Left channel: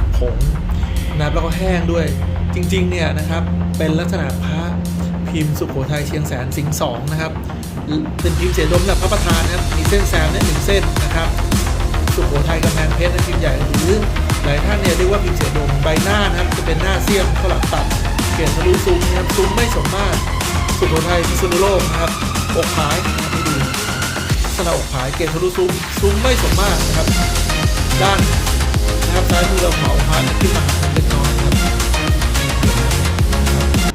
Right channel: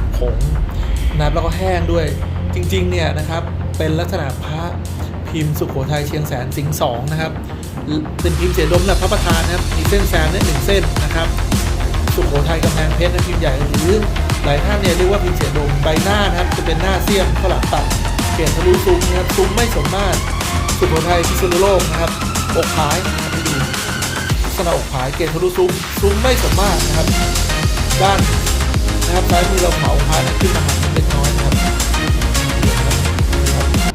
อผงนะครับแล้วก็แห้งด้วย จริงๆเนี่ยนะครับเป็นลักษณะพระพิมพ์สุโขทัยเชียงแสนสิงห์สองนะครับเป็นพิมพ์เสียดมแบบพระประธานนะครับมีเส้นแซมเนี่ยหนึ่งเส้นนะครับสุโขทัยกำแพงเพชรนะพิมพ์ใหญ่หรือหลายท่านเนี่ยเรียกว่าพิมพ์เสียดมใบหน้านะครับจะเป็นหน้าเสี้ยมข้าหลังตัดเกล็ดทะลุซุ้มนะครับซุ้มไม่สมมาตรสุโขทัยพิษณุโลกนะครับอกผายนะครับให้ดูลักษณะอกผายเกล็ดทะลุซุ้มซุ้มไม่สมมาตรนะครับ ด้าน นะครับซ้ายมือเราเผาพานขึ้นมาหักเล็กน้อยนะครับนะครับ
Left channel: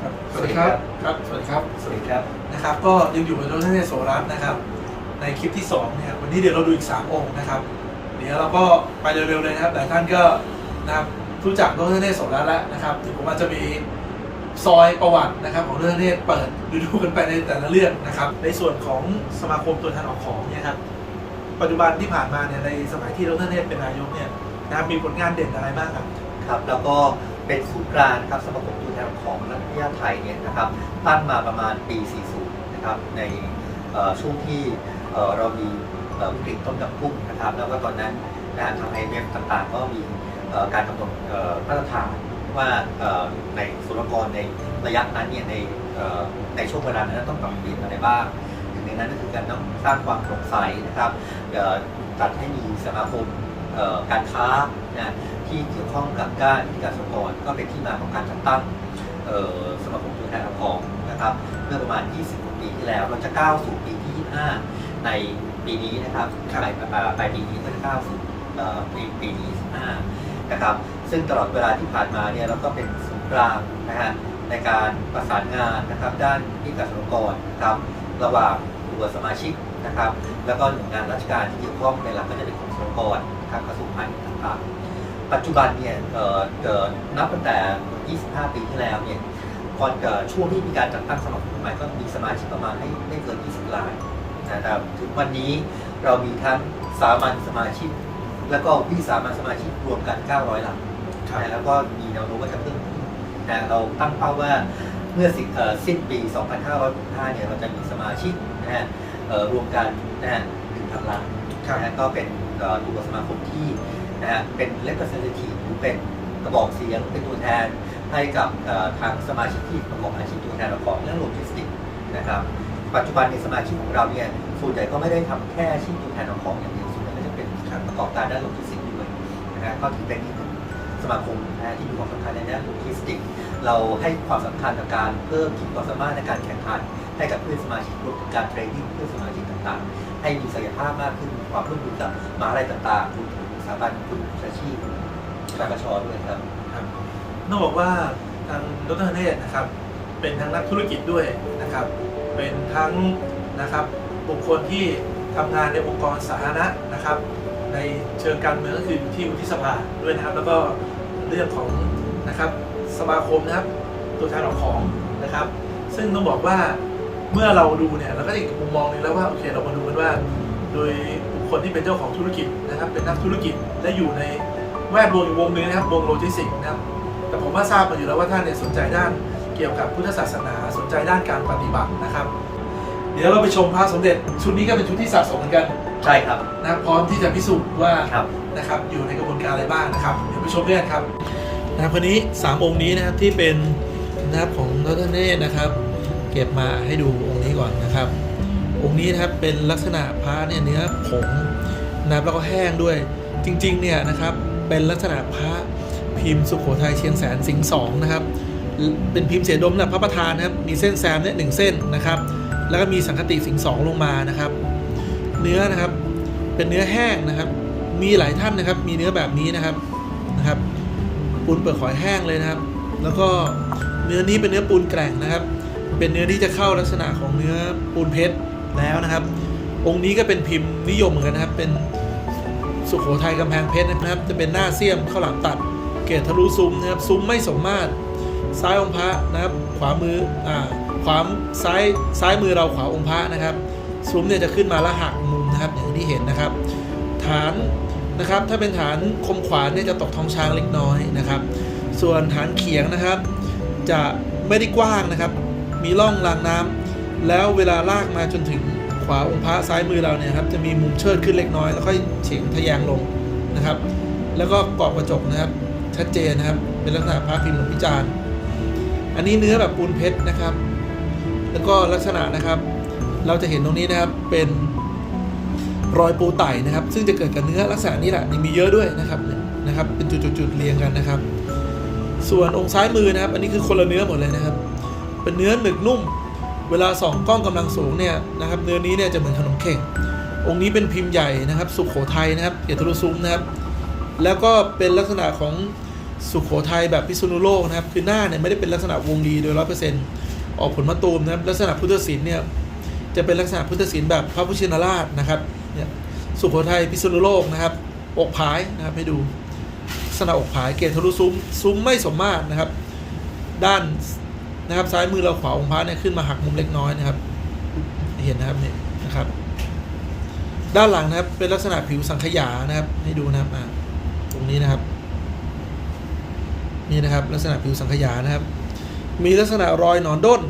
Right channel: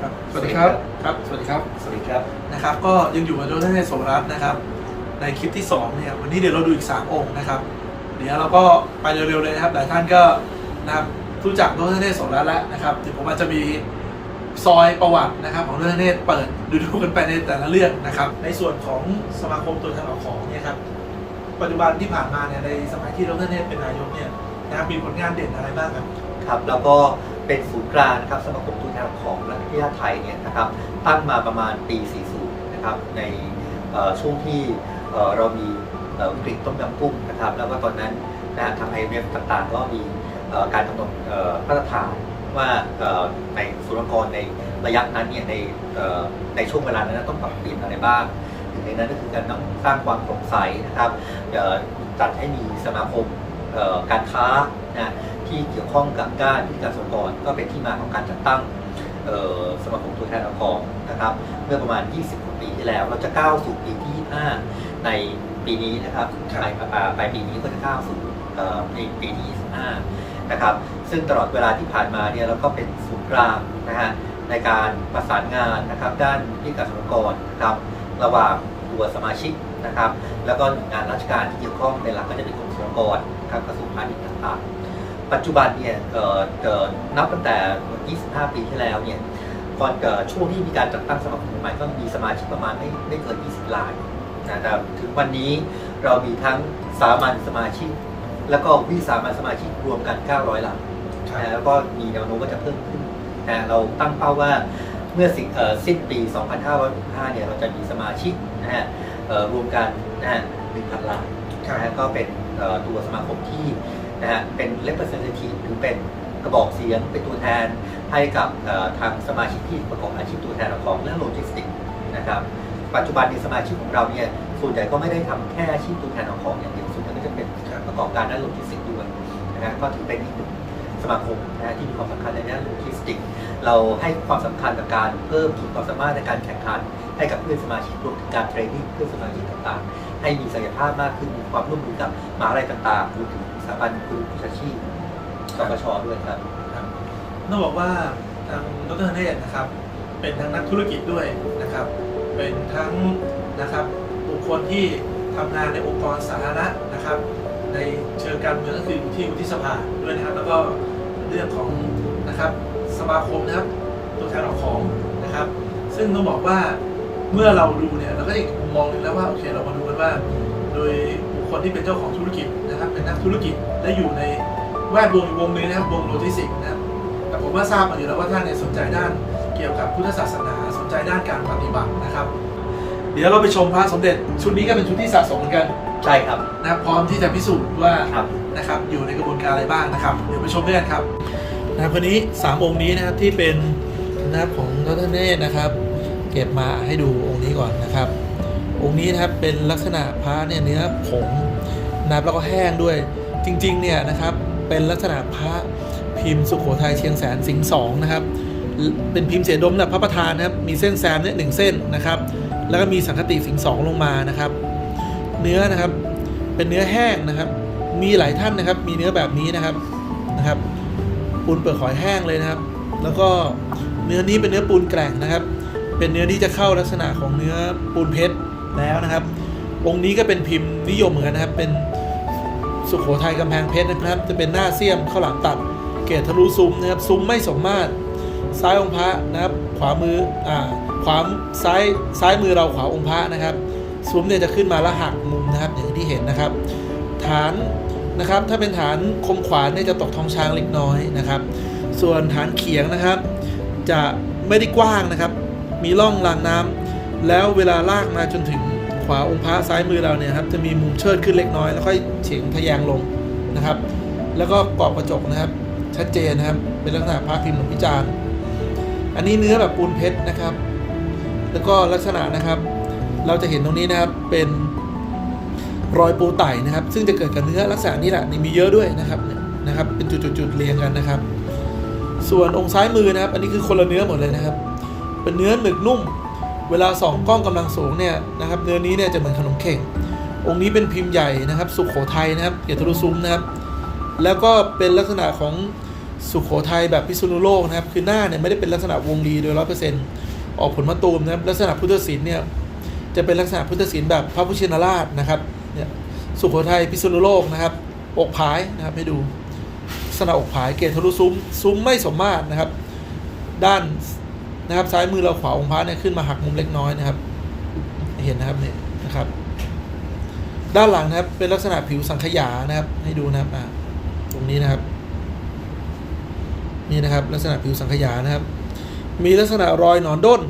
ครับสวัสดีครับ ครับ สวัสดีครับ สวัสดีครับ นะครับ ก็ยังอยู่กับดรเนศโสรัตน์นะครับ ในคลิปที่2เนี่ยวันนี้เดี๋ยวเราดูอีก 3 องค์นะครับ เดี๋ยวเราก็ไปเร็วๆเลยนะครับ หลายท่านก็นะครับรู้จักดรเนศโสรัตแล้วนะครับเดี๋ยวผมอาจจะมีซอยประวัตินะครับของดรเนศเปิดดูดูกันไปในแต่ละเรื่องนะครับ ในส่วนของสมาคมตัวแทนออกของเนี่ยครับปัจจุบันที่ผ่านมาเนี่ยในสมัยที่ดรเนศเป็นนายกเนี่ยนะครับมีผลงานเด่นอะไรบ้างครับครับแล้วก็เป็นศูนย์กลางนะครับสมาคมตัวแทนของรัฐวิทยาไทยเนี่ยนะครับตั้งมาประมาณปี 40 นะครับในช่วงที่ เรามีเอ่อวิกฤตต้มยำกุ้งนะครับแล้วก็ตอนนั้นนะฮะทาง IMF ต่างๆ ก็มีการกำหนดมาตรฐานว่าในสุรกรในระยะนั้นเนี่ยในในช่วงเวลานั้นต้องปรับเปลี่ยนอะไรบ้างหนึ่งในนั้นก็คือการต้องสร้างความโปร่งใสนะครับตัดให้มีสมาคมการค้านะที่เกี่ยวข้องกับด้านวิทยาสุรกรก็เป็นที่มาของการจัดตั้งสมาคมตัวแทนเอาของนะครับเมื่อประมาณ 20กว่าปีที่แล้ว เราจะก้าวสู่ปีที่ 25 ในปีนี้นะครับครับปลายอ่าปลายปีนี้ก็จะก้าวสู่เอ่อในปีที่25นะครับ ซึ่งตลอดเวลาที่ผ่านมาเนี่ยเราก็เป็นศูนย์กลางนะฮะในการประสานงานนะครับด้านที่กสรกรนะครับ ระหว่างตัวสมาชิกนะครับ แล้วก็หน่วยงานราชการที่เกี่ยวข้องในหลักก็จะเป็นกรมสรรพากรนะครับกระทรวงพาณิชย์ต่างๆ ปัจจุบันเนี่ยเอ่อเอ่อนับตั้งแต่ 25 ปีที่แล้วเนี่ยก่อนเอ่อช่วงที่มีการจัดตั้งสมาคมใหม่ก็มีสมาชิกประมาณไม่ไม่เกิน 20ราย นะแต่ถึงวันนี้เรามีทั้งสามัญสมาชิก แล้วก็วิสามัญสมาชิกรวมกัน 900รายนะแล้วก็มีแนวโน้มว่าจะเพิ่มขึ้นนะเราตั้งเป้าว่าเมื่อสิเอ่อสิ้นปี 2565 เนี่ย เราจะมีสมาชิกนะฮะเอ่อรวมกันนะฮะ1,000ล้านครับนะฮะก็เป็นเอ่อตัวสมาคมที่นะฮะเป็น representative หรือเป็นกระบอกเสียงเป็นตัวแทนให้กับเอ่อทางสมาชิกที่ประกอบอาชีพตัวแทนของเรื่องโลจิสติกส์นะครับ ปัจจุบันในสมาชิกของเราเนี่ยส่วนใหญ่ก็ไม่ได้ทำแค่อาชีพตัวแทนของอย่างเดียวส่วนใหญ่ก็จะเป็นประกอบการด้านโลจิสติกส์ด้วยนะฮะก็ถือเป็นอีกหนึ่งสมาคมนะฮะที่มีความสำคัญในด้านโลจิสติกส์เราให้ความสำคัญกับการเพิ่มขีดความสามารถในการแข่งขันให้กับเพื่อนสมาชิกรวมถึงการเทรนนิ่งเพื่อนสมาชิกต่างๆ ให้มีศักยภาพมากขึ้นมีความร่วมมือกับมหาลัยต่างๆรวมถึงสถาบันครูวิชาชีพสปชด้วยครับครับต้องบอกว่าทางดรเนศนะครับ เป็นทั้งนักธุรกิจด้วยนะครับ เป็นทั้งนะครับบุคคลที่ทำงานในองค์กรสาธารณะนะครับ ในเชิงการเมืองก็คืออยู่ที่วุฒิสภาด้วยนะครับ แล้วก็เรื่องของนะครับสมาคมนะครับ ตัวแทนของของนะครับ ซึ่งต้องบอกว่าเมื่อเราดูเนี่ยเราก็อีกมุมมองหนึ่งแล้วว่าโอเคเรามาดูกันว่า โดยบุคคลที่เป็นเจ้าของธุรกิจนะครับ เป็นนักธุรกิจและอยู่ในแวดวงอีกวงหนึ่งนะครับวงโลจิสติกส์นะครับแต่ผมว่าทราบมาอยู่แล้วว่าท่านเนี่ยสนใจด้าน กี่ยวกับพุทธศาสนาสนใจด้านการปฏิบัตินะครับ เดี๋ยวเราไปชมพระสมเด็จ ชุดนี้ก็เป็นชุดที่สะสมเหมือนกันใช่ครับนะพร้อมที่จะพิสูจน์ว่าครับนะครับอยู่ในกระบวนการอะไรบ้างนะครับ เดี๋ยวไปชมด้วยกันครับนะครับคนนี้สามองค์นี้นะครับที่เป็นนะครับของดรเนศนะครับ เก็บมาให้ดูองค์นี้ก่อนนะครับ องค์นี้นะครับเป็นลักษณะพระเนี่ยเนื้อผงนะครับแล้วก็แห้งด้วยจริงๆเนี่ยนะครับเป็นลักษณะพระพิมพ์สุโขทัยเชียงแสนสิงห์สองนะครับ เป็นพิมพ์เสียดมแบบพระประธานนะครับ มีเส้นแซมเนี่ยหนึ่งเส้นนะครับ แล้วก็มีสังคติสิงสองลงมานะครับ เนื้อนะครับ เป็นเนื้อแห้งนะครับ มีหลายท่านนะครับ มีเนื้อแบบนี้นะครับนะครับ ปูนเปลือกหอยแห้งเลยนะครับ แล้วก็เนื้อนี้เป็นเนื้อปูนแกร่งนะครับ เป็นเนื้อที่จะเข้าลักษณะของเนื้อปูนเพชรแล้วนะครับ องค์นี้ก็เป็นพิมพ์นิยมเหมือนกันนะครับ เป็นสุโขทัยกำแพงเพชรนะครับ จะเป็นหน้าเสี้ยมข้าวหลามตัด เกรดทะลุซุ้มนะครับ ซุ้มไม่สมมาตร ซ้ายองค์พระนะครับ ขวามืออ่าขวาซ้ายซ้ายมือเราขวาองค์พระนะครับซุ้มเนี่ยจะขึ้นมาแล้วหักมุมนะครับอย่างที่เห็นนะครับ ฐานนะครับถ้าเป็นฐานคมขวานเนี่ยจะตกทองช้างเล็กน้อยนะครับ ส่วนฐานเขียงนะครับ จะไม่ได้กว้างนะครับ มีร่องรางน้ำแล้วเวลาลากมาจนถึงขวาองค์พระซ้ายมือเราเนี่ยครับจะมีมุมเชิดขึ้นเล็กน้อยแล้วค่อยเฉียงทะแยงลงนะครับ แล้วก็กรอบกระจกนะครับ ชัดเจนนะครับ เป็นลักษณะพระพิมพ์หลวงพิจารณ์ อันนี้เนื้อแบบปูนเพชรนะครับ แล้วก็ลักษณะนะครับ เราจะเห็นตรงนี้นะครับเป็นรอยปูไต่นะครับ ซึ่งจะเกิดกับเนื้อลักษณะนี้แหละนี่มีเยอะด้วยนะครับนะครับ เป็นจุดๆๆเรียงกันนะครับ ส่วนองค์ซ้ายมือนะครับ อันนี้คือคนละเนื้อหมดเลยนะครับ เป็นเนื้อหนึบนุ่ม เวลาส่องกล้องกำลังสูงเนี่ยนะครับ เนื้อนี้เนี่ยจะเหมือนขนมเข่งองค์นี้เป็นพิมพ์ใหญ่นะครับ สุขโขทัยนะครับเกียรติรุซุ้มนะครับ แล้วก็เป็นลักษณะของ สุขโขทัยแบบพิษณุโลกนะครับ คือหน้าเนี่ยไม่ได้เป็นลักษณะวงรีโดยร้อยเปอร์เซ็นต์ออกผลมะตูมนะครับลักษณะพุทธศิลป์เนี่ยจะเป็นลักษณะพุทธศิลป์แบบพระพุทธชินราชนะครับเนี่ยสุขโขทัยพิษณุโลกนะครับ อกผายนะครับให้ดูลักษณะอกผายเกศทะลุซุ้มซุ้มไม่สมมาตรนะครับ ด้านนะครับซ้ายมือเราขวาองค์พระเนี่ยขึ้นมาหักมุมเล็กน้อยนะครับ เห็นนะครับเนี่ยนะครับ ด้านหลังนะครับเป็นลักษณะผิวสังขยานะครับ ให้ดูนะครับตรงนี้นะครับ นี่นะครับลักษณะผิวสังขยานะครับ มีลักษณะรอยหนอนด้น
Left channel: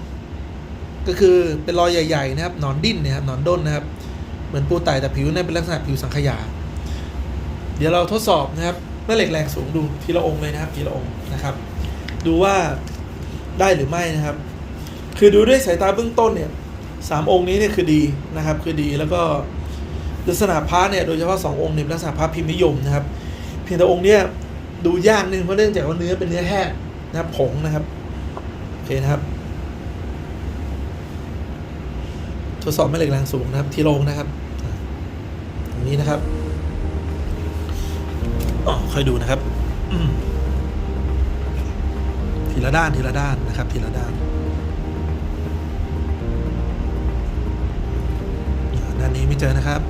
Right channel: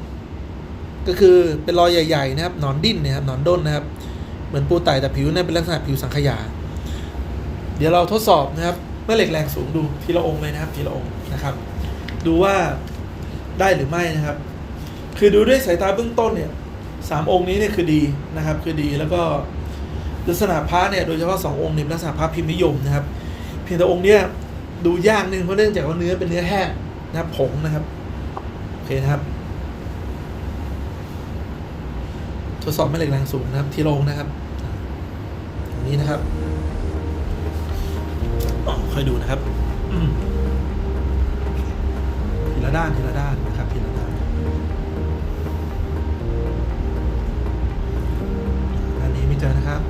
ก็คือเป็นรอยใหญ่ๆนะครับหนอนดิ้นเนะครับหนอนด้นนะครับ เหมือนปูไต่แต่ผิวเนี่ยเป็นลักษณะผิวสังขยา เดี๋ยวเราทดสอบนะครับแม่เหล็กแรงสูงดูทีละองค์เลยนะครับทีละองค์นะครับ ดูว่าได้หรือไม่นะครับ คือดูด้วยสายตาเบื้องต้นเนี่ยสามองค์นี้เนี่ยคือดีนะครับ คือดีแล้วก็ลักษณะพระเนี่ยโดยเฉพาะสององค์เนี่ยลักษณะพระพิมพ์นิยมนะครับ เพียงแต่องค์เนี่ย ดูยากนึงเพราะเนื่องจากว่าเนื้อเป็นเนื้อแห้งนะครับผงนะครับโอเคนะครับ ทดสอบแม่เหล็กแรงสูงนะครับ ที่ลงนะครับอย่างนี้นะครับอ๋อค่อยดูนะครับทีละด้านทีละด้านนะครับ ทีละด้านด้านนี้ไม่เจอนะครับ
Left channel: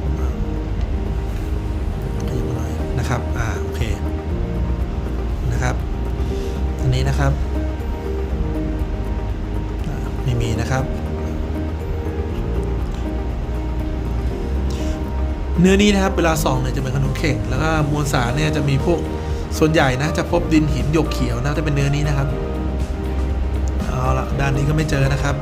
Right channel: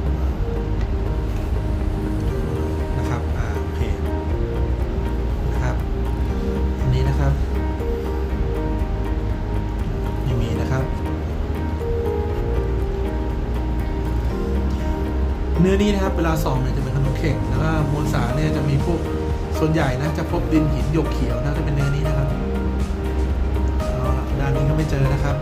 นื้อนี้นะครับเวลาส่องเนี่ยจะเป็นขนมเข่งแล้วก็มวลสารเนี่ยจะมีพวกส่วนใหญ่นะจะพบดินหินหยกเขียวนะจะเป็นเนื้อนี้นะครับเอาละด้านนี้ก็ไม่เจอนะครับ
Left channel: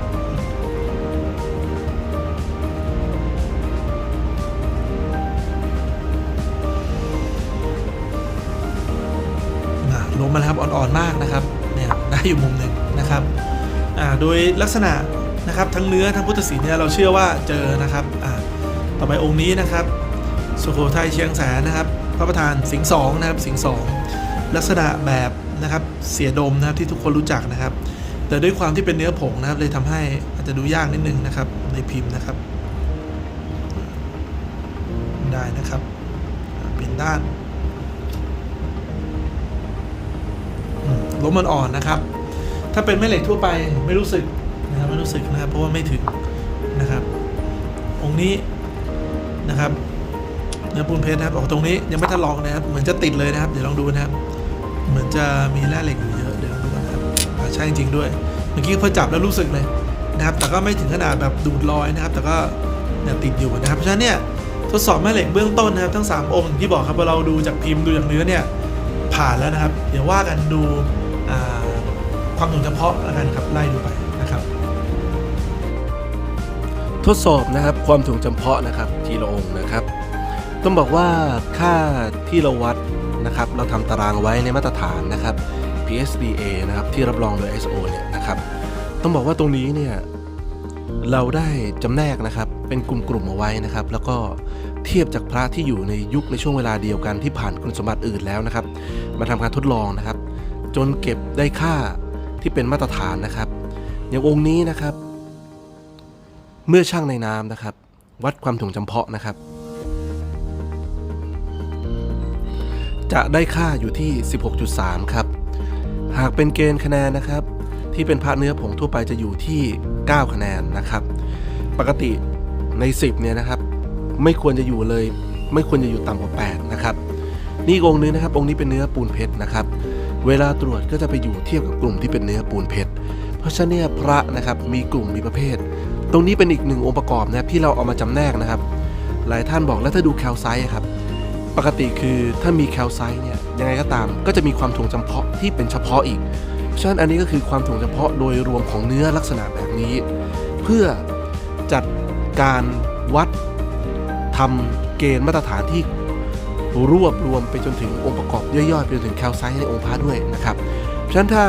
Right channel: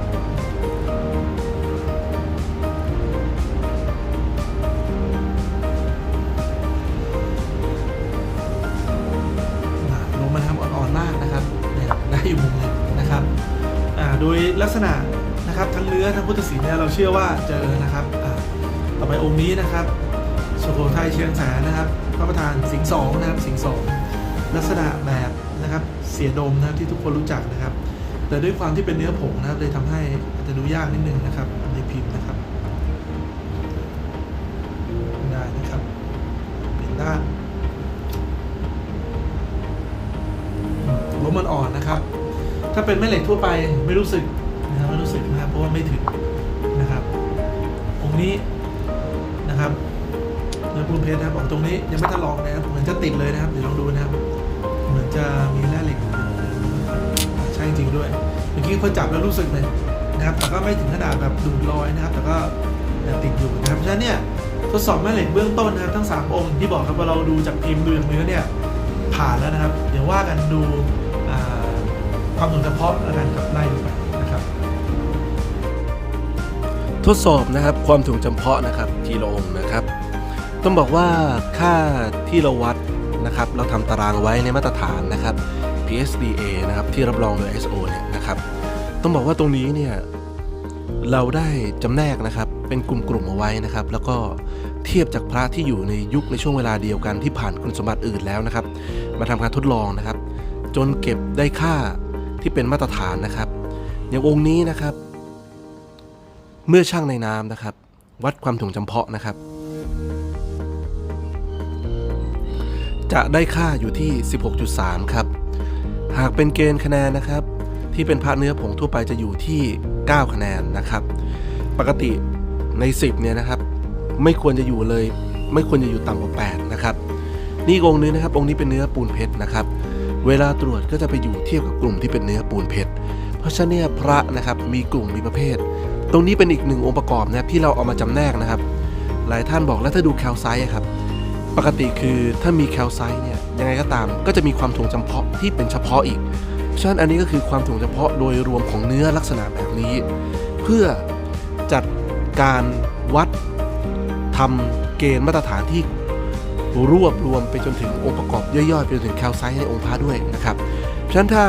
อะลงมาครับอ่อนๆมากนะครับเนี่ยได้อยู่มุมหนึ่งนะครับอ่าโดยลักษณะนะครับทั้งเนื้อทั้งพุทธศิลป์เนี่ยเราเชื่อว่าเจอนะครับอ่าต่อไปองค์นี้นะครับ สุโขทัยเชียงแสนนะครับพระประธานสิงสองนะครับสิงสองลักษณะแบบนะครับเสียดมนะครับที่ทุกคนรู้จักนะครับ แต่ด้วยความที่เป็นเนื้อผงนะครับเลยทำให้อาจจะดูยากนิดนึงนะครับในพิมพ์นะครับ ได้นะครับเป็นด้านอืมลมมันอ่อนนะครับ ถ้าเป็นแม่เหล็กทั่วไปไม่รู้สึกนะไม่รู้สึกนะครับเพราะว่าไม่ถึงนะครับองค์นี้นะครับ นื้อปูนเพชรนะครับออกตรงนี้ยังไม่ทันลองนะครับเหมือนจะติดเลยนะครับเดี๋ยวลองดูนะครับ เหมือนจะมีแร่เหล็กอยู่เยอะเดี๋ยนะครับใช่จริงด้วยเมื่อกี้พอจับแล้วรู้สึกเลยนะครับ แต่ก็ไม่ถึงขนาดแบบดูดลอยนะครับ แต่ก็ยังติดอยู่นะครับเพราะฉะนั้นเนี่ยทดสอบแม่เหล็กเบื้องต้นนะครับทั้ง 3 องค์ที่บอกครับว่าเราดูจากพิมพ์ดูจากเนื้อเนี่ยผ่านแล้วนะครับ เดี๋ยวว่ากันดูความถึงเฉพาะแล้วกันครับไล่ดูไปนะครับ ทดสอบนะครับความถ่วงจำเพาะนะครับทีละองค์นะครับ ต้องบอกว่าค่าที่เราวัดนะครับเราทำตารางไว้ในมาตรฐานนะครับ PSDA นะครับที่รับรองโดย ISO เนี่ยนะครับต้องบอกว่าตรงนี้เนี่ยเราได้จำแนกนะครับเป็นกลุ่มๆเอาไว้นะครับ แล้วก็เทียบจากพระที่อยู่ในยุคในช่วงเวลาเดียวกันที่ผ่านคุณสมบัติอื่นแล้วนะครับ มาทำการทดลองนะครับ จนเก็บได้ค่าที่เป็นมาตรฐานนะครับ อย่างองค์นี้นะครับ เมื่อช่างในน้ำนะครับ วัดความถ่วงจำเพาะนะครับ จะได้ค่าอยู่ที่ 16.3 ครับ หากเป็นเกณฑ์คะแนนนะครับ ที่เป็นพระเนื้อผงทั่วไปจะอยู่ที่ 9 คะแนนนะครับ ปกติใน 10 เนี่ยนะครับ ไม่ควรจะอยู่เลย ไม่ควรจะอยู่ต่ำกว่า 8 นะครับ นี่องค์นึงนะครับ องค์นี้เป็นเนื้อปูนเพชรนะครับ เวลาตรวจก็จะไปอยู่เทียบกับกลุ่มที่เป็นเนื้อปูนเพชร เพราะฉะนั้นพระนะครับมีกลุ่มมีประเภท ตรงนี้เป็นอีกหนึ่งองค์ประกอบนะที่เราเอามาจำแนกนะครับ หลายท่านบอกแล้วถ้าดูแคลไซต์ครับ ปกติคือถ้ามีแคลไซต์เนี่ยยังไงก็ตามก็จะมีความถ่วงจำเพาะที่เป็นเฉพาะอีกฉะนั้นอันนี้ก็คือความถ่วงจำเพาะโดยรวมของเนื้อลักษณะแบบนี้ เพื่อจัดการวัดทำเกณฑ์มาตรฐานที่รวบรวมไปจนถึงองค์ประกอบย่อยๆ ไปจนถึงแคลไซต์ในองค์พระด้วยนะครับเพราะฉะนั้นถ้า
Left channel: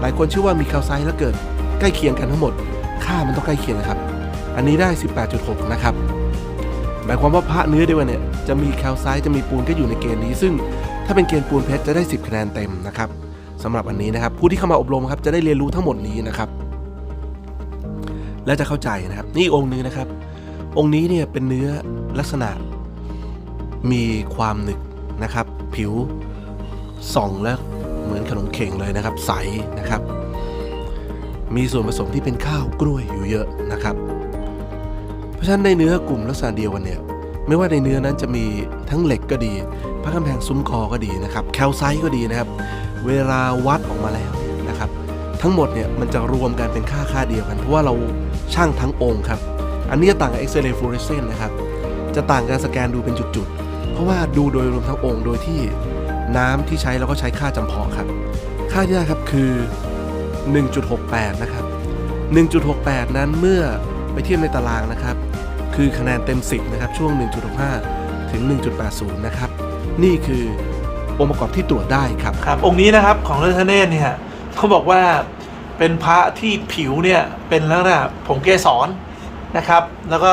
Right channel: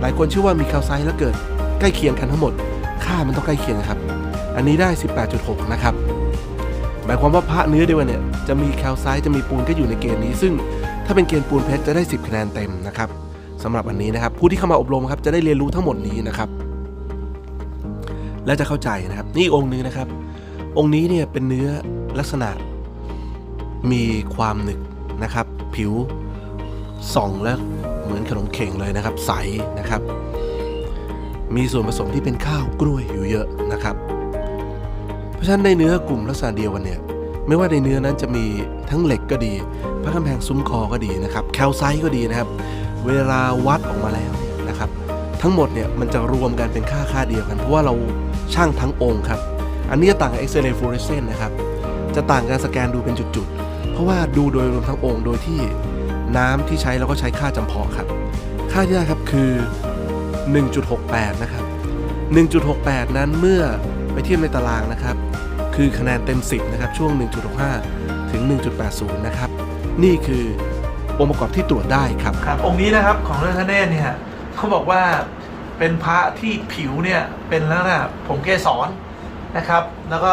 หลายคนเชื่อว่ามีแคลไซต์แล้วเกิดใกล้เคียงกันทั้งหมด ค่ามันต้องใกล้เคียงครับ อันนี้ได้ 18.6 นะครับ หมายความว่าพระเนื้อเดียวนเนี่ยจะมีแคลไซต์จะมีปูนก็อยู่ในเกณฑ์นี้ ซึ่งถ้าเป็นเกณฑ์ปูนเพชรจะได้ 10 คะแนนเต็มนะครับสำหรับอันนี้นะครับ ผู้ที่เข้ามาอบรมครับจะได้เรียนรู้ทั้งหมดนี้นะครับ และจะเข้าใจนะครับ นี่องค์หนึงนะครับ องค์นี้เนี่ยเป็นเนื้อลักษณะ มีความหนึกนะครับ ผิวส่องแล้วเหมือนขนมเข่งเลยนะครับ ใสนะครับ มีส่วนผสมที่เป็นข้าวกล้วยอยู่เยอะนะครับ เพราะฉะนั้นในเนื้อกลุ่มลักษณะเดียวกันเนี่ยไม่ว่าในเนื้อนั้นจะมีทั้งเหล็กก็ดี พระกำแพงซุ้มคอก็ดีนะครับแคลไซต์ก็ดีนะครับ เวลาวัดออกมาแล้วเนี่ยนะครับ ทั้งหมดเนี่ยมันจะรวมกันเป็นค่าค่าเดียวกัน เพราะว่าเราช่างทั้งองค์ครับ อันนี้จะต่างกับเอ็กซเรย์ฟลูออเรสเซนต์นะครับ จะต่างการสแกนดูเป็นจุดๆ เพราะว่าดูโดยรวมทั้งองค์โดยที่น้ำที่ใช้เราก็ใช้ค่าจำเพาะครับ ค่าที่ได้ครับคือ 1.68 นะครับ 1.68 นั้นเมื่อไปเทียบในตารางนะครับ คือคะแนนเต็ม 10 นะครับ ช่วง 1.65 ถึง 1.80 นะครับ นี่คือองค์ประกอบที่ตรวจได้ครับ ครับ องค์นี้นะครับของเรื่องทเนศเนี่ยเขาบอกว่าเป็นพระที่ผิวเนี่ยเป็นแลักษณะผงเกสรนะครับ แล้วก็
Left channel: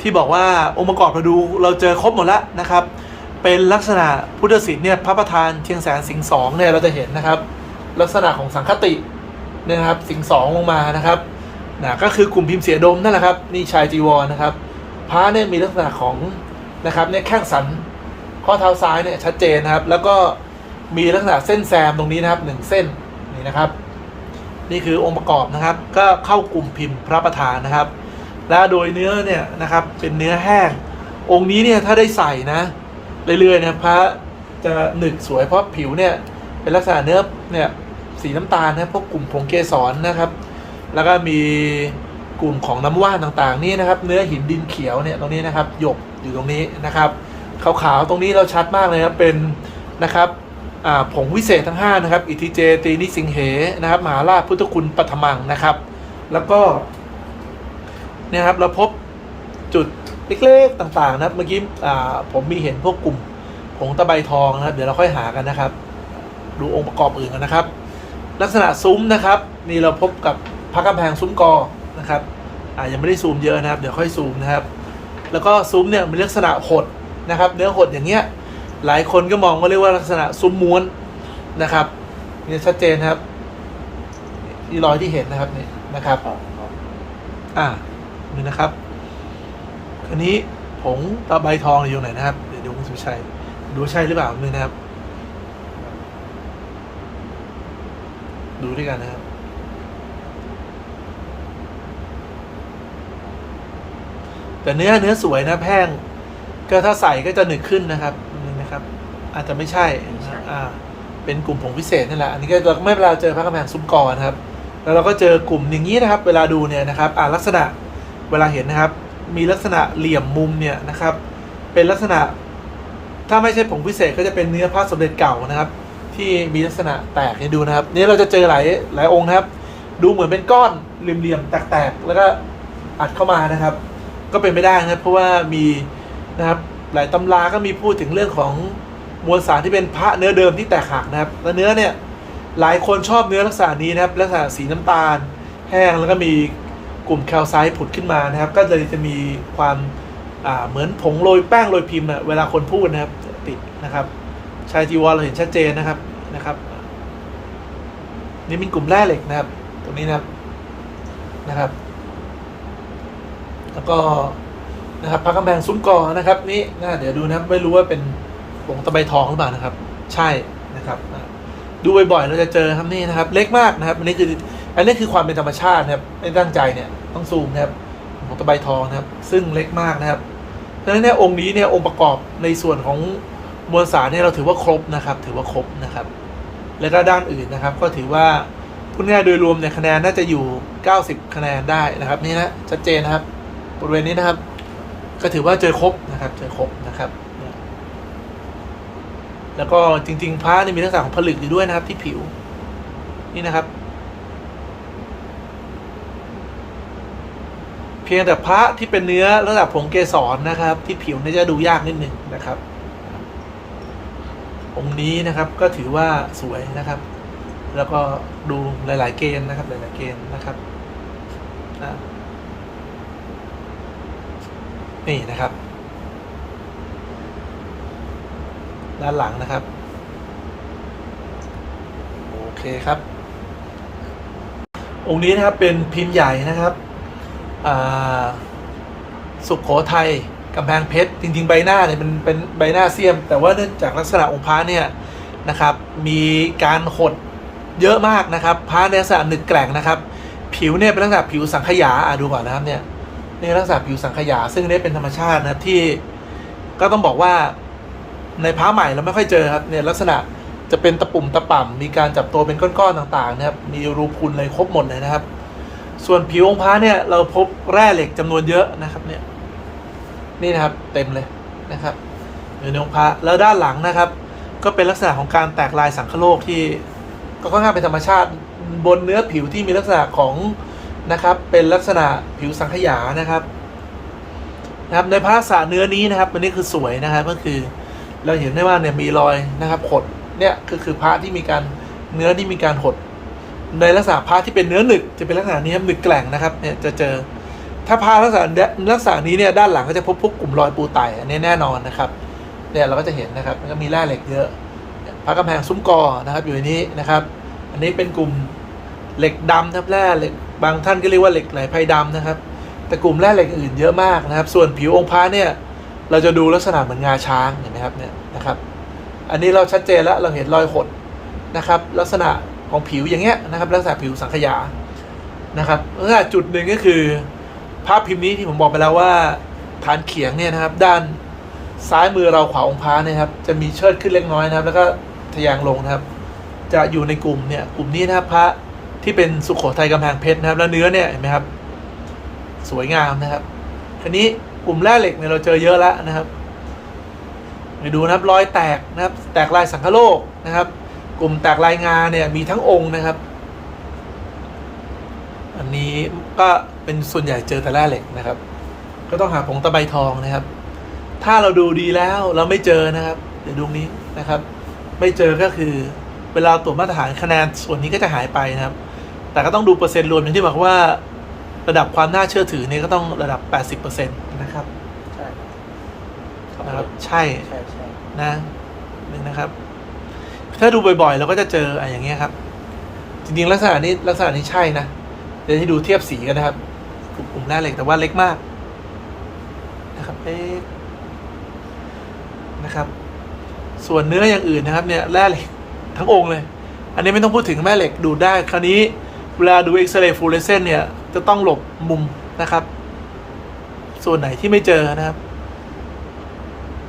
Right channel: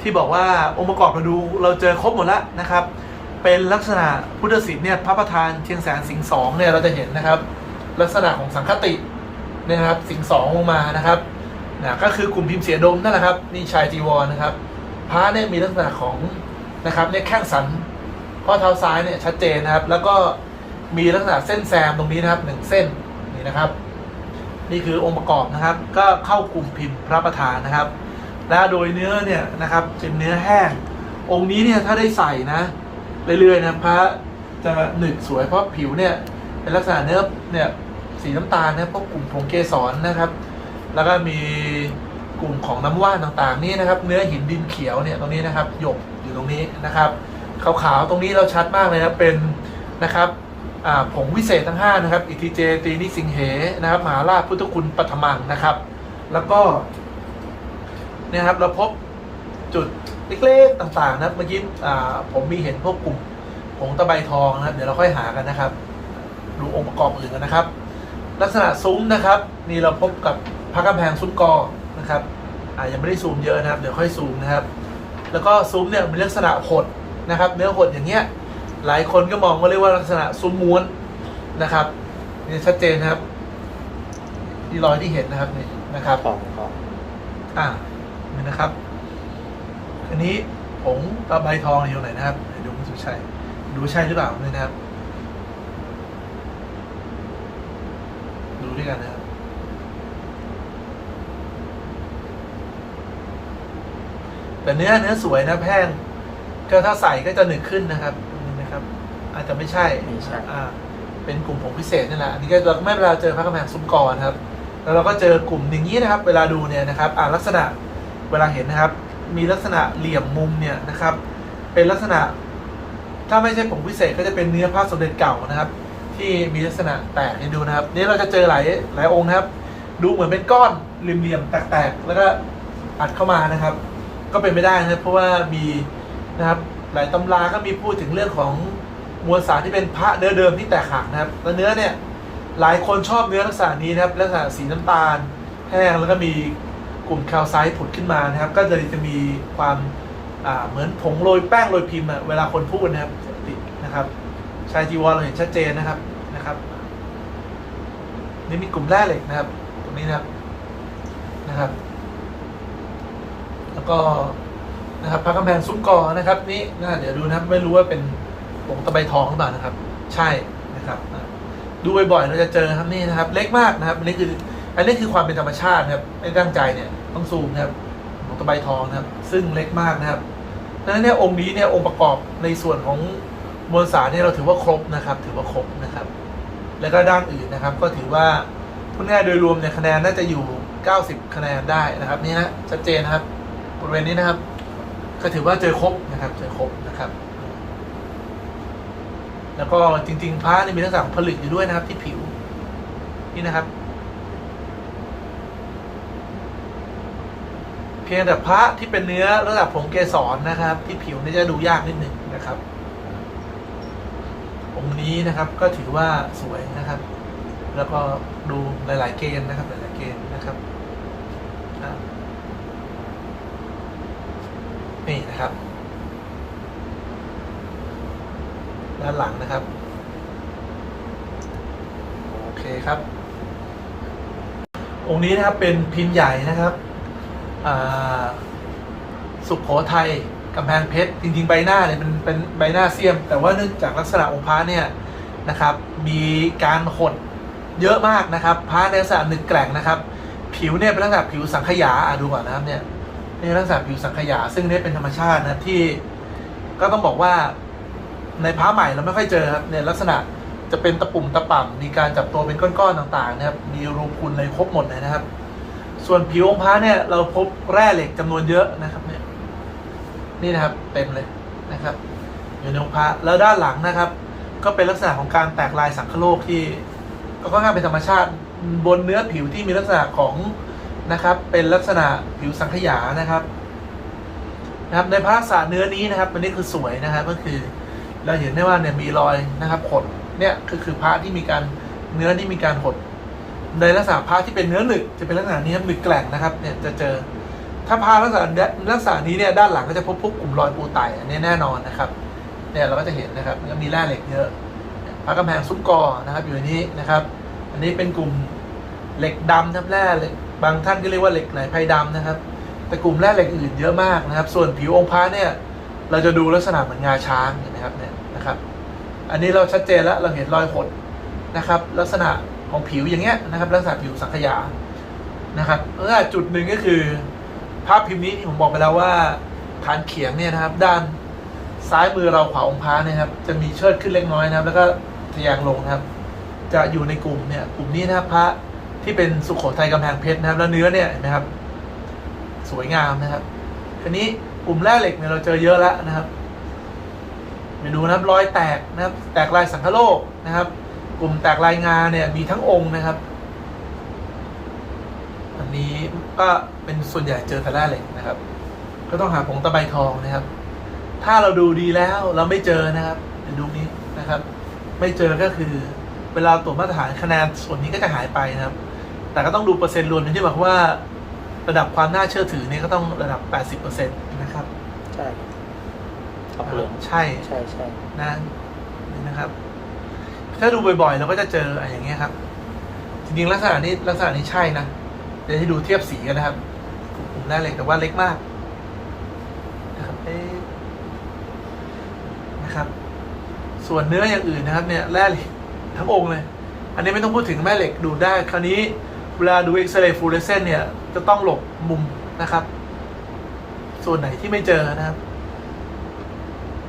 ที่บอกว่าองค์ประกอบเราดูเราเจอครบหมดแล้วนะครับ เป็นลักษณะพุทธศิลป์เนี่ยพระประธานเชียงแสนสิงสองเนี่ยเราจะเห็นนะครับ ลักษณะของสังคติเนะครับสิงสองลงมานะครับ นะก็คือกลุ่มพิมพ์เสียดมนั่นแหละครับนี่ชายจีวรนะครับพระเนี่ยมีลักษณะของนะครับเนี่ยแข้งสันข้อเท้าซ้ายเนี่ยชัดเจนนะครับ แล้วก็มีลักษณะเส้นแซมตรงนี้นะครับหนึ่งเส้นนี่นะครับ นี่คือองค์ประกอบนะครับ ก็เข้ากลุ่มพิมพ์พระประธานนะครับ และโดยเนื้อเนี่ยนะครับเป็นเนื้อแห้ง องค์นี้เนี่ยถ้าได้ใส่นะเรื่อยๆนะพระจะหนึกสวยเพราะผิวเนี่ยเป็นลักษณะเนื้อเนี่ยสีน้ำตาลนะพวกกลุ่มผงเกสรนะครับ แล้วก็มีกลุ่มของน้ำว่านต่างๆ นี่นะครับ เนื้อหินดินเขียวเนี่ยตรงนี้นะครับหยกอยู่ตรงนี้นะครับขาวๆตรงนี้เราชัดมากเลยนะเป็นนะครับผงวิเศษทั้ง 5 นะครับ อิทิเจตีนิสิงเหนะครับมหาราชพุทธคุณปัทมังนะครับ แล้วก็เนี่ยครับเราพบจุดเล็กๆต่างๆนะครับเมื่อกี้ผมมีเห็นพวกกลุ่มผงตะไบทองนะครับ เดี๋ยวเราค่อยหากันนะครับ ดูองค์ประกอบอื่นกันนะครับ ลักษณะซุ้มนะครับนี่เราพบกับ พระกำแพงซุ้มกอนะครับอ่ายังไม่ได้ซูมเยอะนะครับ เดี๋ยวค่อยซูมนะครับ แล้วก็ซุ้มเนี่ยมีลักษณะหดนะครับ เนื้อหดอย่างเงี้ยหลายคนก็มองว่าเรียกว่าลักษณะซุ้มม้วนนะครับนี่ชัดเจนนะครับที่รอยที่เห็นนะครับนี่นะครับอ่านี่นะครับ อันนี้ผงตะไบทองอยู่ไหนนะครับเดี๋ยวดูคุณสุชัยดูใช่หรือเปล่าเลยนะครับดูด้วยกันนะครับ แต่เนื้อเนื้อสวยนะแพงก็ถ้าใส่ก็จะหนึกขึ้นนะครับนี่นะครับ อาจจะไม่ใช่ไม่ใช่ อ่าเป็นกลุ่มผงพิเศษนี่แหละอันนี้ก็จะไม่เวลาเจอพระกำแพงซุ้มกอนะครับ แล้วเราก็เจอกลุ่มอย่างนี้นะครับ เวลาดูเนี่ยนะครับอ่าลักษณะเวลาเห็นนะครับ มีลักษณะเหลี่ยมมุมเนี่ยนะครับ เป็นลักษณะ ถ้าไม่ใช่ผงพิเศษก็จะเป็นเนื้อพระสมเด็จเก่านะครับ ที่มีลักษณะแตกให้ดูนะครับ นี่เราจะเจอหลายหลายองค์นะครับ ดูเหมือนเป็นก้อนเหลี่ยมๆแตกๆแล้วก็อัดเข้ามานะครับ ก็เป็นไม่ได้นะครับเพราะว่ามีนะครับหลายตำราก็มีพูดถึงเรื่องของมวลสารที่เป็นพระเนื้อเดิมที่แตกหักนะครับแล้วเนื้อเนี่ยหลายคนชอบเนื้อลักษณะนี้นะครับลักษณะสีน้ำตาล แห้งแล้วก็มีกลุ่มแคลไซต์ผุดขึ้นมานะครับ ก็เลยจะมีความอ่าเหมือนผงโรยแป้งโรยพิมพ์อะเวลาคนพูดนะครับติดนะครับชายจีวรเราเห็นชัดเจนนะครับนะครับ นี่มีกลุ่มแร่เหล็กนะครับ ตรงนี้นะครับนะครับ แล้วก็นะครับพระกำแพงซุ้มกอนะครับนี่นะเดี๋ยวดูนะไม่รู้ว่าเป็นผงตะไบทองหรือเปล่านะครับ ใช่นะครับดูบ่อยๆเราจะเจอครับนี่นะครับ เล็กมากนะครับอันนี้คืออันนี้คือความเป็นธรรมชาตินะครับไม่ตั้งใจเนี่ยต้องซูมนะครับของตะไบทองนะครับ ซึ่งเล็กมากนะครับดังนั้นเนี่ยองค์นี้เนี่ยองค์ประกอบในส่วนของมวลสารเนี่ยเราถือว่าครบนะครับ ถือว่าครบนะครับ แล้วก็ด้านอื่นนะครับ ก็ถือว่าพูดง่ายโดยรวมเนี่ยคะแนนน่าจะอยู่ 90 คะแนนได้นะครับ นี่นะชัดเจนนะครับ บริเวณนี้นะครับ ก็ถือว่าเจอครบนะครับ เจอครบนะครับ แล้วก็จริงๆพระนี่มีลักษณะของผลึกอยู่ด้วยนะครับ ที่ผิว นี่นะครับ เพียงแต่พระที่เป็นเนื้อระดับผงเกสรนะครับ ที่ผิวนี่จะดูยากนิดหนึ่งนะครับองค์นี้นะครับก็ถือว่าสวยนะครับ แล้วก็ดูหลาย ๆ เกณฑ์นะครับ หลาย ๆ เกณฑ์นะครับอะ นี่นะครับ ด้านหลังนะครับ โอเคครับ องค์นี้นะครับเป็นพิมพ์ใหญ่นะครับสุขโขทัยกำแพงเพชรจริงๆใบหน้าเนี่ยเป็นเป็นใบหน้าเสียม แต่ว่าเนื่องจากลักษณะองค์พระเนี่ยนะครับ มีการหดเยอะมากนะครับพระในลักษณะหนึกแกร่งนะครับ ผิวเนี่ยเป็นลักษณะผิวสังขยาอะดูก่อนนะครับเนี่ย นี่ลักษณะผิวสังขยา ซึ่งอันนี้เป็นธรรมชาตินะที่ก็ต้องบอกว่าในพระใหม่เราไม่ค่อยเจอครับเนี่ยลักษณะจะเป็นตะปุ่มตะป่ำมีการจับตัวเป็นก้อนๆต่างๆนะครับมีรูพุนเลยครบหมดเลยนะครับ ส่วนผิวองค์พระเนี่ยเราพบแร่เหล็กจำนวนเยอะนะครับเนี่ยนี่นะครับเต็มเลยนะครับในองค์พระแล้วด้านหลังนะครับ ก็เป็นลักษณะของการแตกลายสังคโลกที่ก็ค่อนข้างเป็นธรรมชาติบนเนื้อผิวที่มีลักษณะของ นะครับ เป็นลักษณะผิวสังขยานะครับนะครับในพระษณะเนื้อนี้นะครับอันนี้คือสวยนะครับก็คือ เราเห็นได้ว่าเนี่ยมีรอยนะครับหดเนี่ยก็คือพระที่มีการเนื้อที่มีการหดในลักษณะพระที่เป็นเนื้อหนึกจะเป็นลักษณะนี้ครับหนึกแกร่งนะครับเนี่ยจะเจอ ถ้าพระลักษณะลักษณะนี้เนี่ยด้านหลังก็จะพบพวกกลุ่มรอยปูไตอันนี้แน่นอนนะครับเนี่ยเราก็จะเห็นนะครับแล้วก็มีแร่เหล็กเยอะพระกำแพงซุ้มกอนะครับอยู่ในนี้นะครับ อันนี้เป็นกลุ่ม เหล็กดำครับแร่เหล็กบางท่านก็เรียกว่าเหล็กไหลไพดำนะครับ แต่กลุ่มแร่เหล็กอื่นเยอะมากนะครับ ส่วนผิวองค์พระเนี่ยเราจะดูลักษณะเหมือนงาช้างเห็นไหมครับเนี่ยนะครับ อันนี้เราชัดเจนแล้วเราเห็นรอยหดนะครับ ลักษณะของผิวอย่างเงี้ยนะครับ ลักษณะผิวสังขยานะครับแลักษณะจุดหนึ่งก็คือภาพพิมพ์นี้ที่ผมบอกไปแล้วว่าฐานเขียงเนี่ยนะครับด้านซ้ายมือเราขวาองค์พระเนี่ยครับจะมีเชิดขึ้นเล็กน้อยนะครับ แล้วก็ทะแยงลงนะครับ จะอยู่ในกลุ่มเนี่ยกลุ่มนี้นะครับพระ ที่เป็นสุโขทัยกำแพงเพชรนะครับ แล้วเนื้อเนี่ยเห็นไหมครับ สวยงามนะครับอันนี้กลุ่มแร่เหล็กเนี่ยเราเจอเยอะแล้วนะครับไปดูนะครับรอยแตกนะครับ แตกลายสังคโลกนะครับ กลุ่มแตกลายงาเนี่ยมีทั้งองค์นะครับ อันนี้ก็เป็นส่วนใหญ่เจอแต่แร่เหล็กนะครับ ก็ต้องหาผงตะไบทองนะครับ ถ้าเราดูดีแล้วเราไม่เจอนะครับ เดี๋ยวดูนี้นะครับ ไม่เจอก็คือเวลาตรวจมาตรฐานคะแนนส่วนนี้ก็จะหายไปนะครับ แต่ก็ต้องดูเปอร์เซ็นต์รวมอย่างที่บอกว่า ระดับความน่าเชื่อถือเนี่ยก็ต้องระดับ 80%นะครับ ใช่นะครับใช่ใช่ใช่นะนี่นะครับ ถ้าดูบ่อยๆ เราก็จะเจออะไรอย่างเงี้ยครับ จริงๆลักษณะนี้ลักษณะนี้ใช่นะเดี๋ยวให้ดูเทียบสีกันนะครับกลุ่มหน้าเหล็กแต่ว่าเล็กมากนะครับเล็กนะครับ ส่วนเนื้ออย่างอื่นนะครับ เนี่ยแร่เหล็กทั้งองค์เลย อันนี้ไม่ต้องพูดถึงแม่เหล็กดูดได้คราวนี้ เวลาดูเอ็กซเรย์ฟลูออเรสเซนต์เนี่ย จะต้องหลบมุมนะครับ ส่วนไหนที่ไม่เจอนะครับ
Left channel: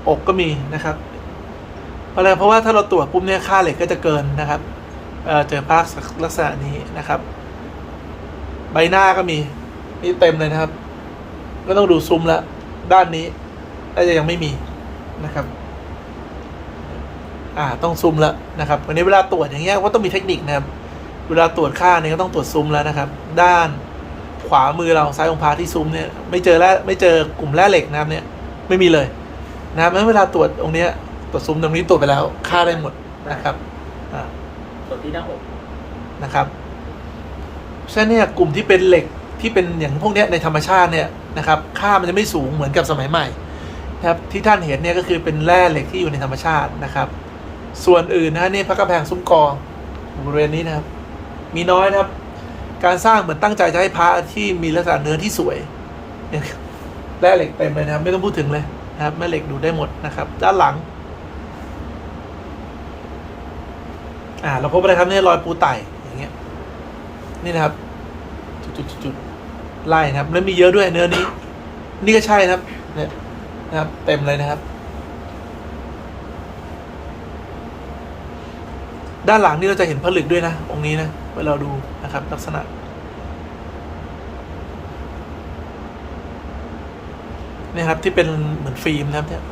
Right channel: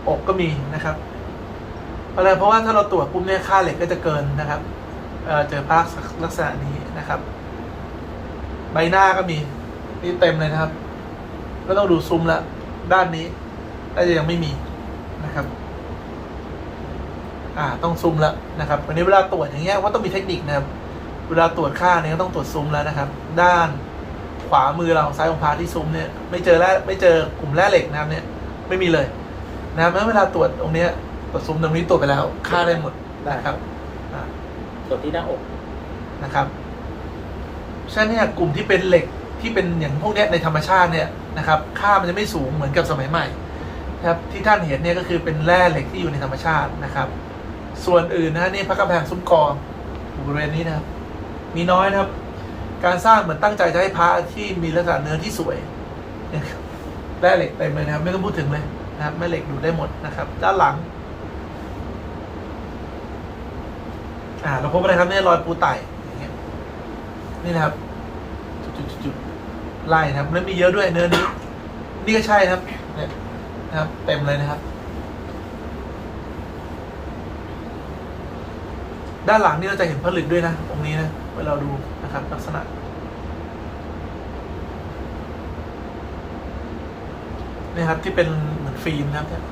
อกก็มีนะครับเพราะอะไรเพราะว่าถ้าเราตรวจปุ๊บเนี่ยค่าเหล็กก็จะเกินนะครับเเจอภาพลักษณะนี้นะครับ ใบหน้าก็มีนี่เต็มเลยนะครับ ก็ต้องดูซุ้มละด้านนี้น่าจะยังไม่มีนะครับ อ่าต้องซูมล้วนะครับวันนี้เวลาตรวจอย่างเงี้ยก็ต้องมีเทคนิคนะครับ เวลาตรวจค่าเนี่ยก็ต้องตรวจซูมแล้วนะครับ ด้านขวามือเราซ้ายของพาที่ซูมเนี่ยไม่เจอแร่ไม่เจอกลุ่มแร่เหล็กนะครับเนี่ยไม่มีเลยนะครับเพราะฉะนั้นเวลาตรวจตรงเนี้ยตรวจซูมตรงนี้ตรวจไปแล้วค่าได้หมดนะครับอ่าส่วนที่หน้าอกนะครับเพราะฉะนั้นเนี่ยกลุ่มที่เป็นเหล็กที่เป็นอย่างพวกเนี้ยในธรรมชาติเนี่ยนะครับค่ามันจะไม่สูงเหมือนกับสมัยใหม่นะครับที่ท่านเห็นเนี่ยก็คือเป็นแร่เหล็กที่อยู่ในธรรมชาตินะครับ ส่วนอื่นนะฮะนี่พระกำแพงซุ้มกออยู่บริเวณนี้นะครับ มีน้อยครับ การสร้างเหมือนตั้งใจจะให้พระที่มีลักษณะเนื้อที่สวยแร่เหล็กเต็มเลยนะครับ ไม่ต้องพูดถึงเลยนะครับแม่เหล็กดูได้หมดนะครับ ด้านหลังอ่าเราพบอะไรครับนี่รอยปูไต่อย่างเงี้ยนี่นะครับจุดๆๆๆไล่นะครับแล้วมีเยอะด้วยเนื้อนี้ นี่ก็ใช่นะครับเนี่ยนะครับ เต็มเลยนะครับ ด้านหลังนี่เราจะเห็นผลึกด้วยนะตรงนี้นะ เปวเราดูนะครับลักษณะ นี่ครับที่เป็นเหมือนฟิล์มนะครับเนี่ย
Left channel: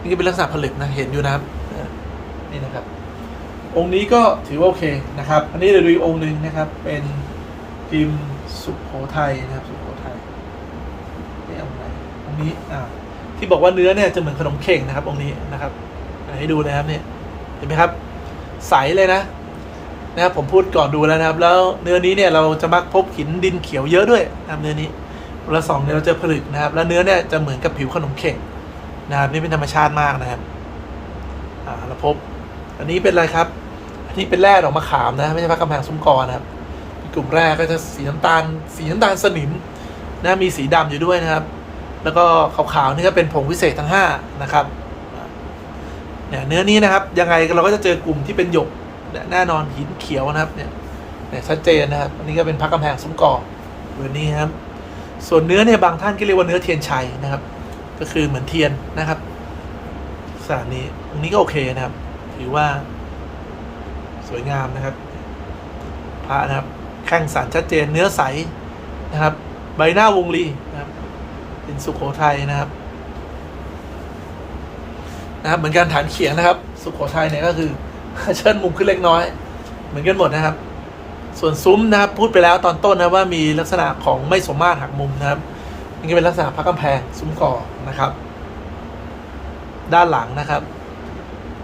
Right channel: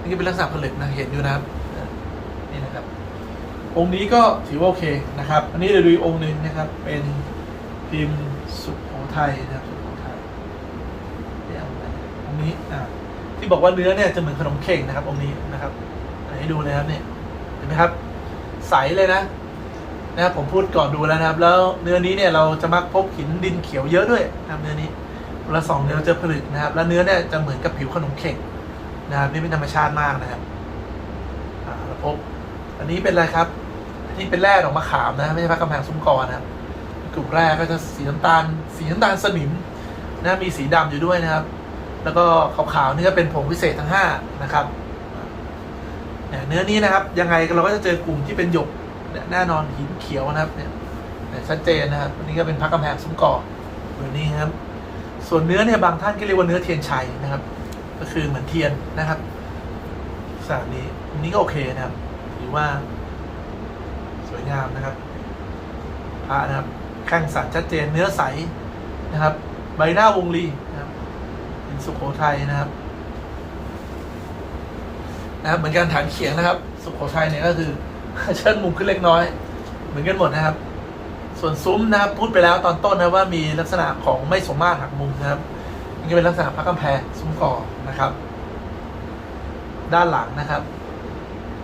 นี่เป็นลักษณะผลึกนะเห็นอยู่นะครับนี่นะครับ องค์นี้ก็ถือว่าโอเคนะครับ อันนี้เดี๋ยวดูองค์หนึ่งนะครับ เป็นพิมพ์สุโขทัยนะครับสุโขทัยนี่เอาอันนี้อะที่บอกว่าเนื้อเนี่ยจะเหมือนขนมเข่งนะครับองค์นี้นะครับให้ดูนะครับเนี่ยเห็นไหมครับ ใสเลยนะนะผมพูดก่อนดูแล้วนะครับ แล้วเนื้อนี้เนี่ยเราจะมักพบหินดินเขียวเยอะด้วยนะเนื้อนี้เวลาสองเนี่ยเราเจอผลึกนะครับ แล้วเนื้อเนี่ยจะเหมือนกับผิวขนมเข่งนะครับนี่เป็นธรรมชาติมากนะครับเราพบ อันนี้เป็นอะไรครับอันนี้เป็นแร่ดอกมะขามนะ ไม่ใช่พระกำแพงซุ้มกอนะครับ กลุ่มแรกก็จะสีน้ำตาล สีน้ำตาลสนิมนะมีสีดำอยู่ด้วยนะครับ แล้วก็ขาวๆนี่ก็เป็นผงวิเศษทั้งห้านะครับ เนี่ยเนื้อนี้นะครับ ยังไงเราก็จะเจอกลุ่มที่เป็นหยกแน่นอนหินเขียวนะครับเนี่ยเนี่ยชัดเจนนะครับนนี้ก็เป็นพระกำแพงซุ้มกอกเบอร์นี้ครับ ส่วนเนื้อเนี่ยบางท่านก็เรียกว่าเนื้อเทียนชัยนะครับ ก็คือเหมือนเทียนนะครับสารนี้ตรงนี้ก็โอเคนะครับ ถือว่า สวยงามนะครับพระนะครับแข้งสันชัดเจนเนื้อใสนะครับ ใบหน้าวงลีนะครับเป็นสุขโขทัยนะครับ นะครับเหมือนการฐานเขียงนะครับ สุขโขทัยเนี่ยก็คือเชิดมุมขึ้นเล็กน้อย เหมือนกันหมดนะครับ ส่วนซุ้มนะครับพูดไปแล้วตอนต้นนะว่ามีลักษณะของไม่สมมาตรหักมุมนะครับนี่เป็นลักษณะพระกำแพงซุ้มก่อนะครับ ด้านหลังนะครับ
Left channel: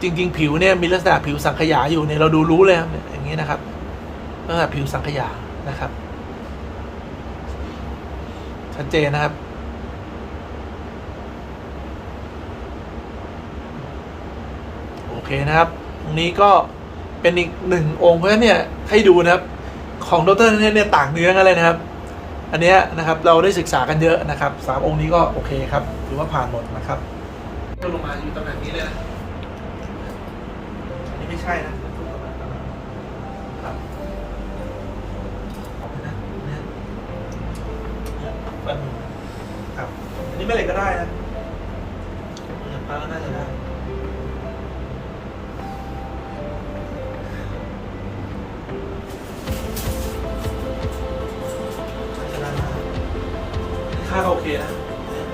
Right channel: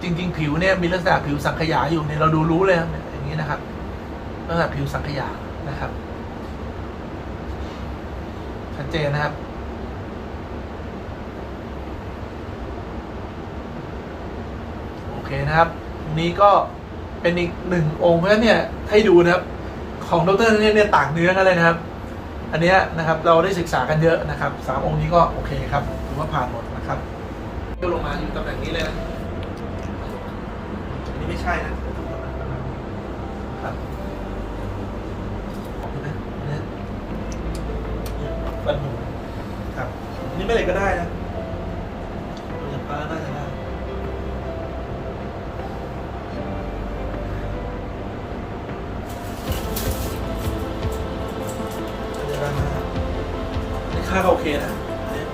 จริง ๆ ผิวเนี่ยมีลักษณะผิวสังขยาอยู่เนี่ยเราดูรู้เลยครับเนี่ยอย่างนี้นะครับลักษณะผิวสังขยานะครับชัดเจนนะครับ โอ เคนะครับตรงนี้ก็เป็นอีกหนึ่งองค์เพราะเนี่ยให้ดูนะครับ ของดรเนี่ยเนี่ยต่างเนื้อกันเลยนะครับ อันเนี้ยนะครับเราได้ศึกษากันเยอะนะครับสามองค์นี้ก็โอเคครับถือว่าผ่านหมดนะครับก็ลงมาอยู่ตำแหน่งนี้เลยนะ ก็โอเคนะเนี่ย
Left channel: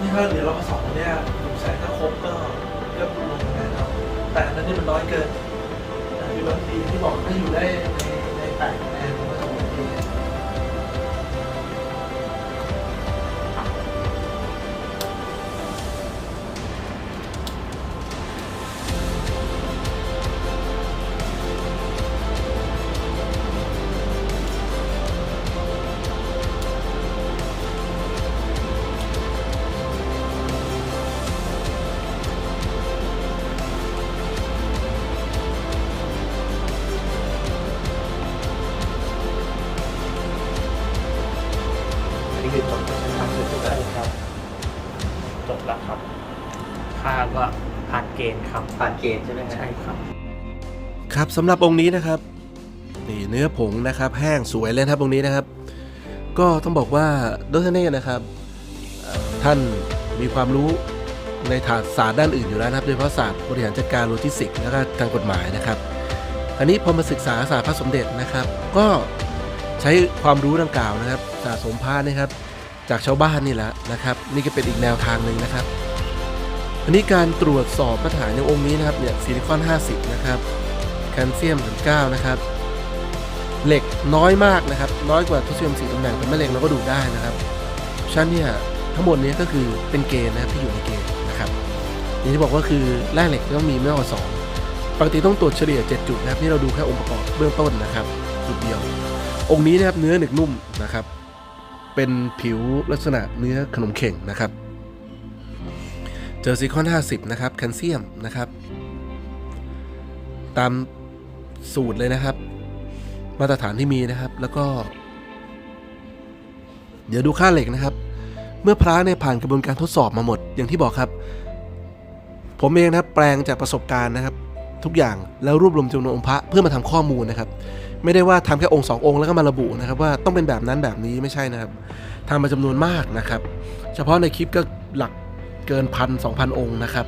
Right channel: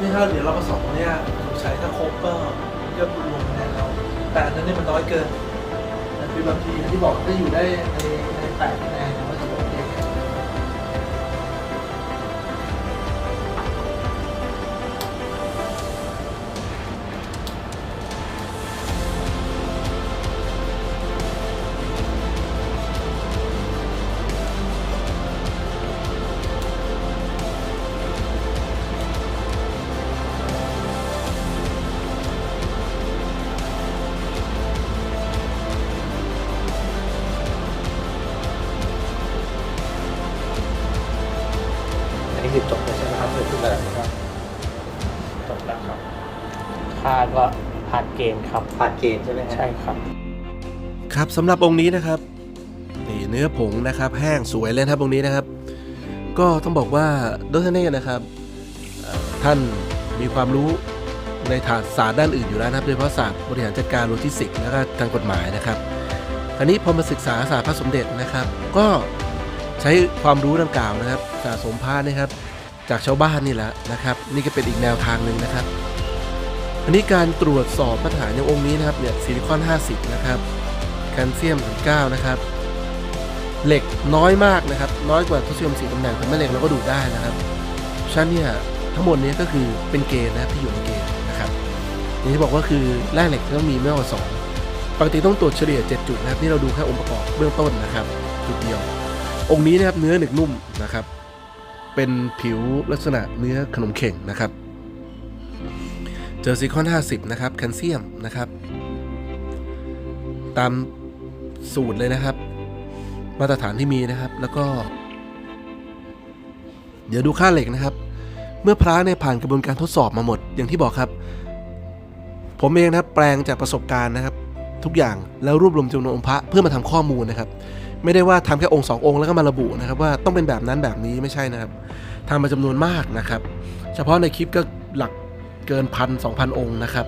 นี่ถ้าเดี๋ยวเรามาสองเนี่ยใช้ถ้าครบก็เยอะมแน่นนแต่อันนั้นเนี่ยมันน้อยเกินคือบางทีที่บอกได้อยู่ได้ ก็ผ่านเกณฑ์ครับ ผ่านเกณฑ์ใช่ไหมฮะใช่ครับ ครับสำหรับองค์นี้นะครับนี่เนื้อผงนะครับแห้งสวยเลยนะครับองค์นี้นะครับ ก็ต้องบอกว่าดรเน่นะครับเอ่อท่านมีความรู้ในฐานศาสตร์ด้านอื่นอยู่แล้วนะครับโดยเฉพาะศาสตร์บริหารจัดการโลจิสติกส์แล้วก็ทางกฎหมายนะครับอันนี้พอมาศึกษาศาสตร์พระสมเด็จนะครับ ก็ใช้ความรู้ดังกล่าวนะครับสะสมพานะครับ จากชาวบ้านนี่แหละนะครับ นี่ก็เป็นอีกแนวทางหนึ่งนะครับ อันนี้การตรวจสอบมาตรฐานอย่างองค์นี้นะครับเนี่ยซิลิคอน 50 นะครับแคลเซียม9นะครับเหล็กน้อยมากนะครับ น้อยกว่าทศนิยม4ตำแหน่งแต่แม่เหล็กเราก็ดูได้นะครับฉะนั้นเนี่ยทั้งหมดนี้ก็คือเป็นเกณฑ์นะครับที่อยู่ในเกณฑ์นะครับอย่างที่บอกว่าคือแร่เหล็กต้องมีไม่กกว่า 2 ปกติต้องตรวจเฉลี่ย 7 จุดนะครับนี่เราดูแค่องค์ประกอบเบื้องต้นนะครับ จุดเดียว องค์นี้นะครับเนื้อหนึกนุ่มนะครับ เป็นผิวลักษณะเนื้อขนมเข่งนะครับ เจอซิลิคอน 50 นะครับแคลเซียมนะครับ ตามสูตรเลยนะครับ มาตรฐานที่มีนะครับแล้วก็ เดี๋ยวดูค่าเหล็กนะครับ เมื่อพระเนี่ยผ่านกระบวนการทดสอบมาหมด อย่างที่บอกครับ ผมเองนะครับแปลงจากประสบการณ์นะครับ ทุกอย่างแล้วรวบรวมจำนวนองค์พระเพื่อมาทำข้อมูลนะครับ ไม่ได้ว่าทำแค่องค์สององค์แล้วก็มาระบุนะครับ ว่าต้องเป็นแบบนั้นแบบนี้ไม่ใช่นะครับทำมาจำนวนมากนะครับ เฉพาะในคลิปก็หลัก เกินพันสองพันองค์นะครับ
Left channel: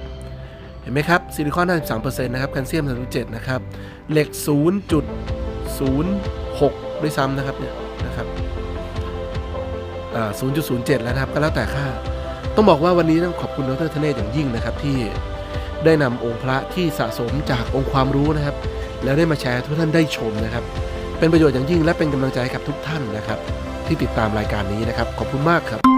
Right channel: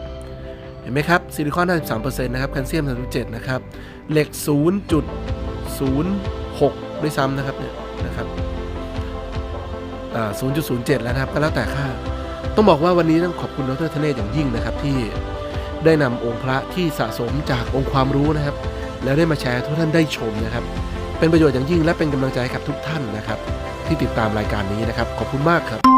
เห็นไหมครับซิลิคอน 53%นะครับแคลเซียม 37 นะครับ เหล็ก 0.06 ด้วยซ้ำนะครับเนี่ยนะครับอ่า0.07 แล้วนะครับก็แล้วแต่ค่า ต้องบอกว่าวันนี้ต้องขอบคุณดรธเนศอย่างยิ่งนะครับที่ได้นำองค์พระที่สะสมจากองค์ความรู้นะครับ แล้วได้มาแชร์ทุกท่านได้ชมนะครับ เป็นประโยชน์อย่างยิ่งและเป็นกำลังใจให้กับทุกท่านนะครับ ที่ติดตามรายการนี้นะครับ ขอบคุณมากครับ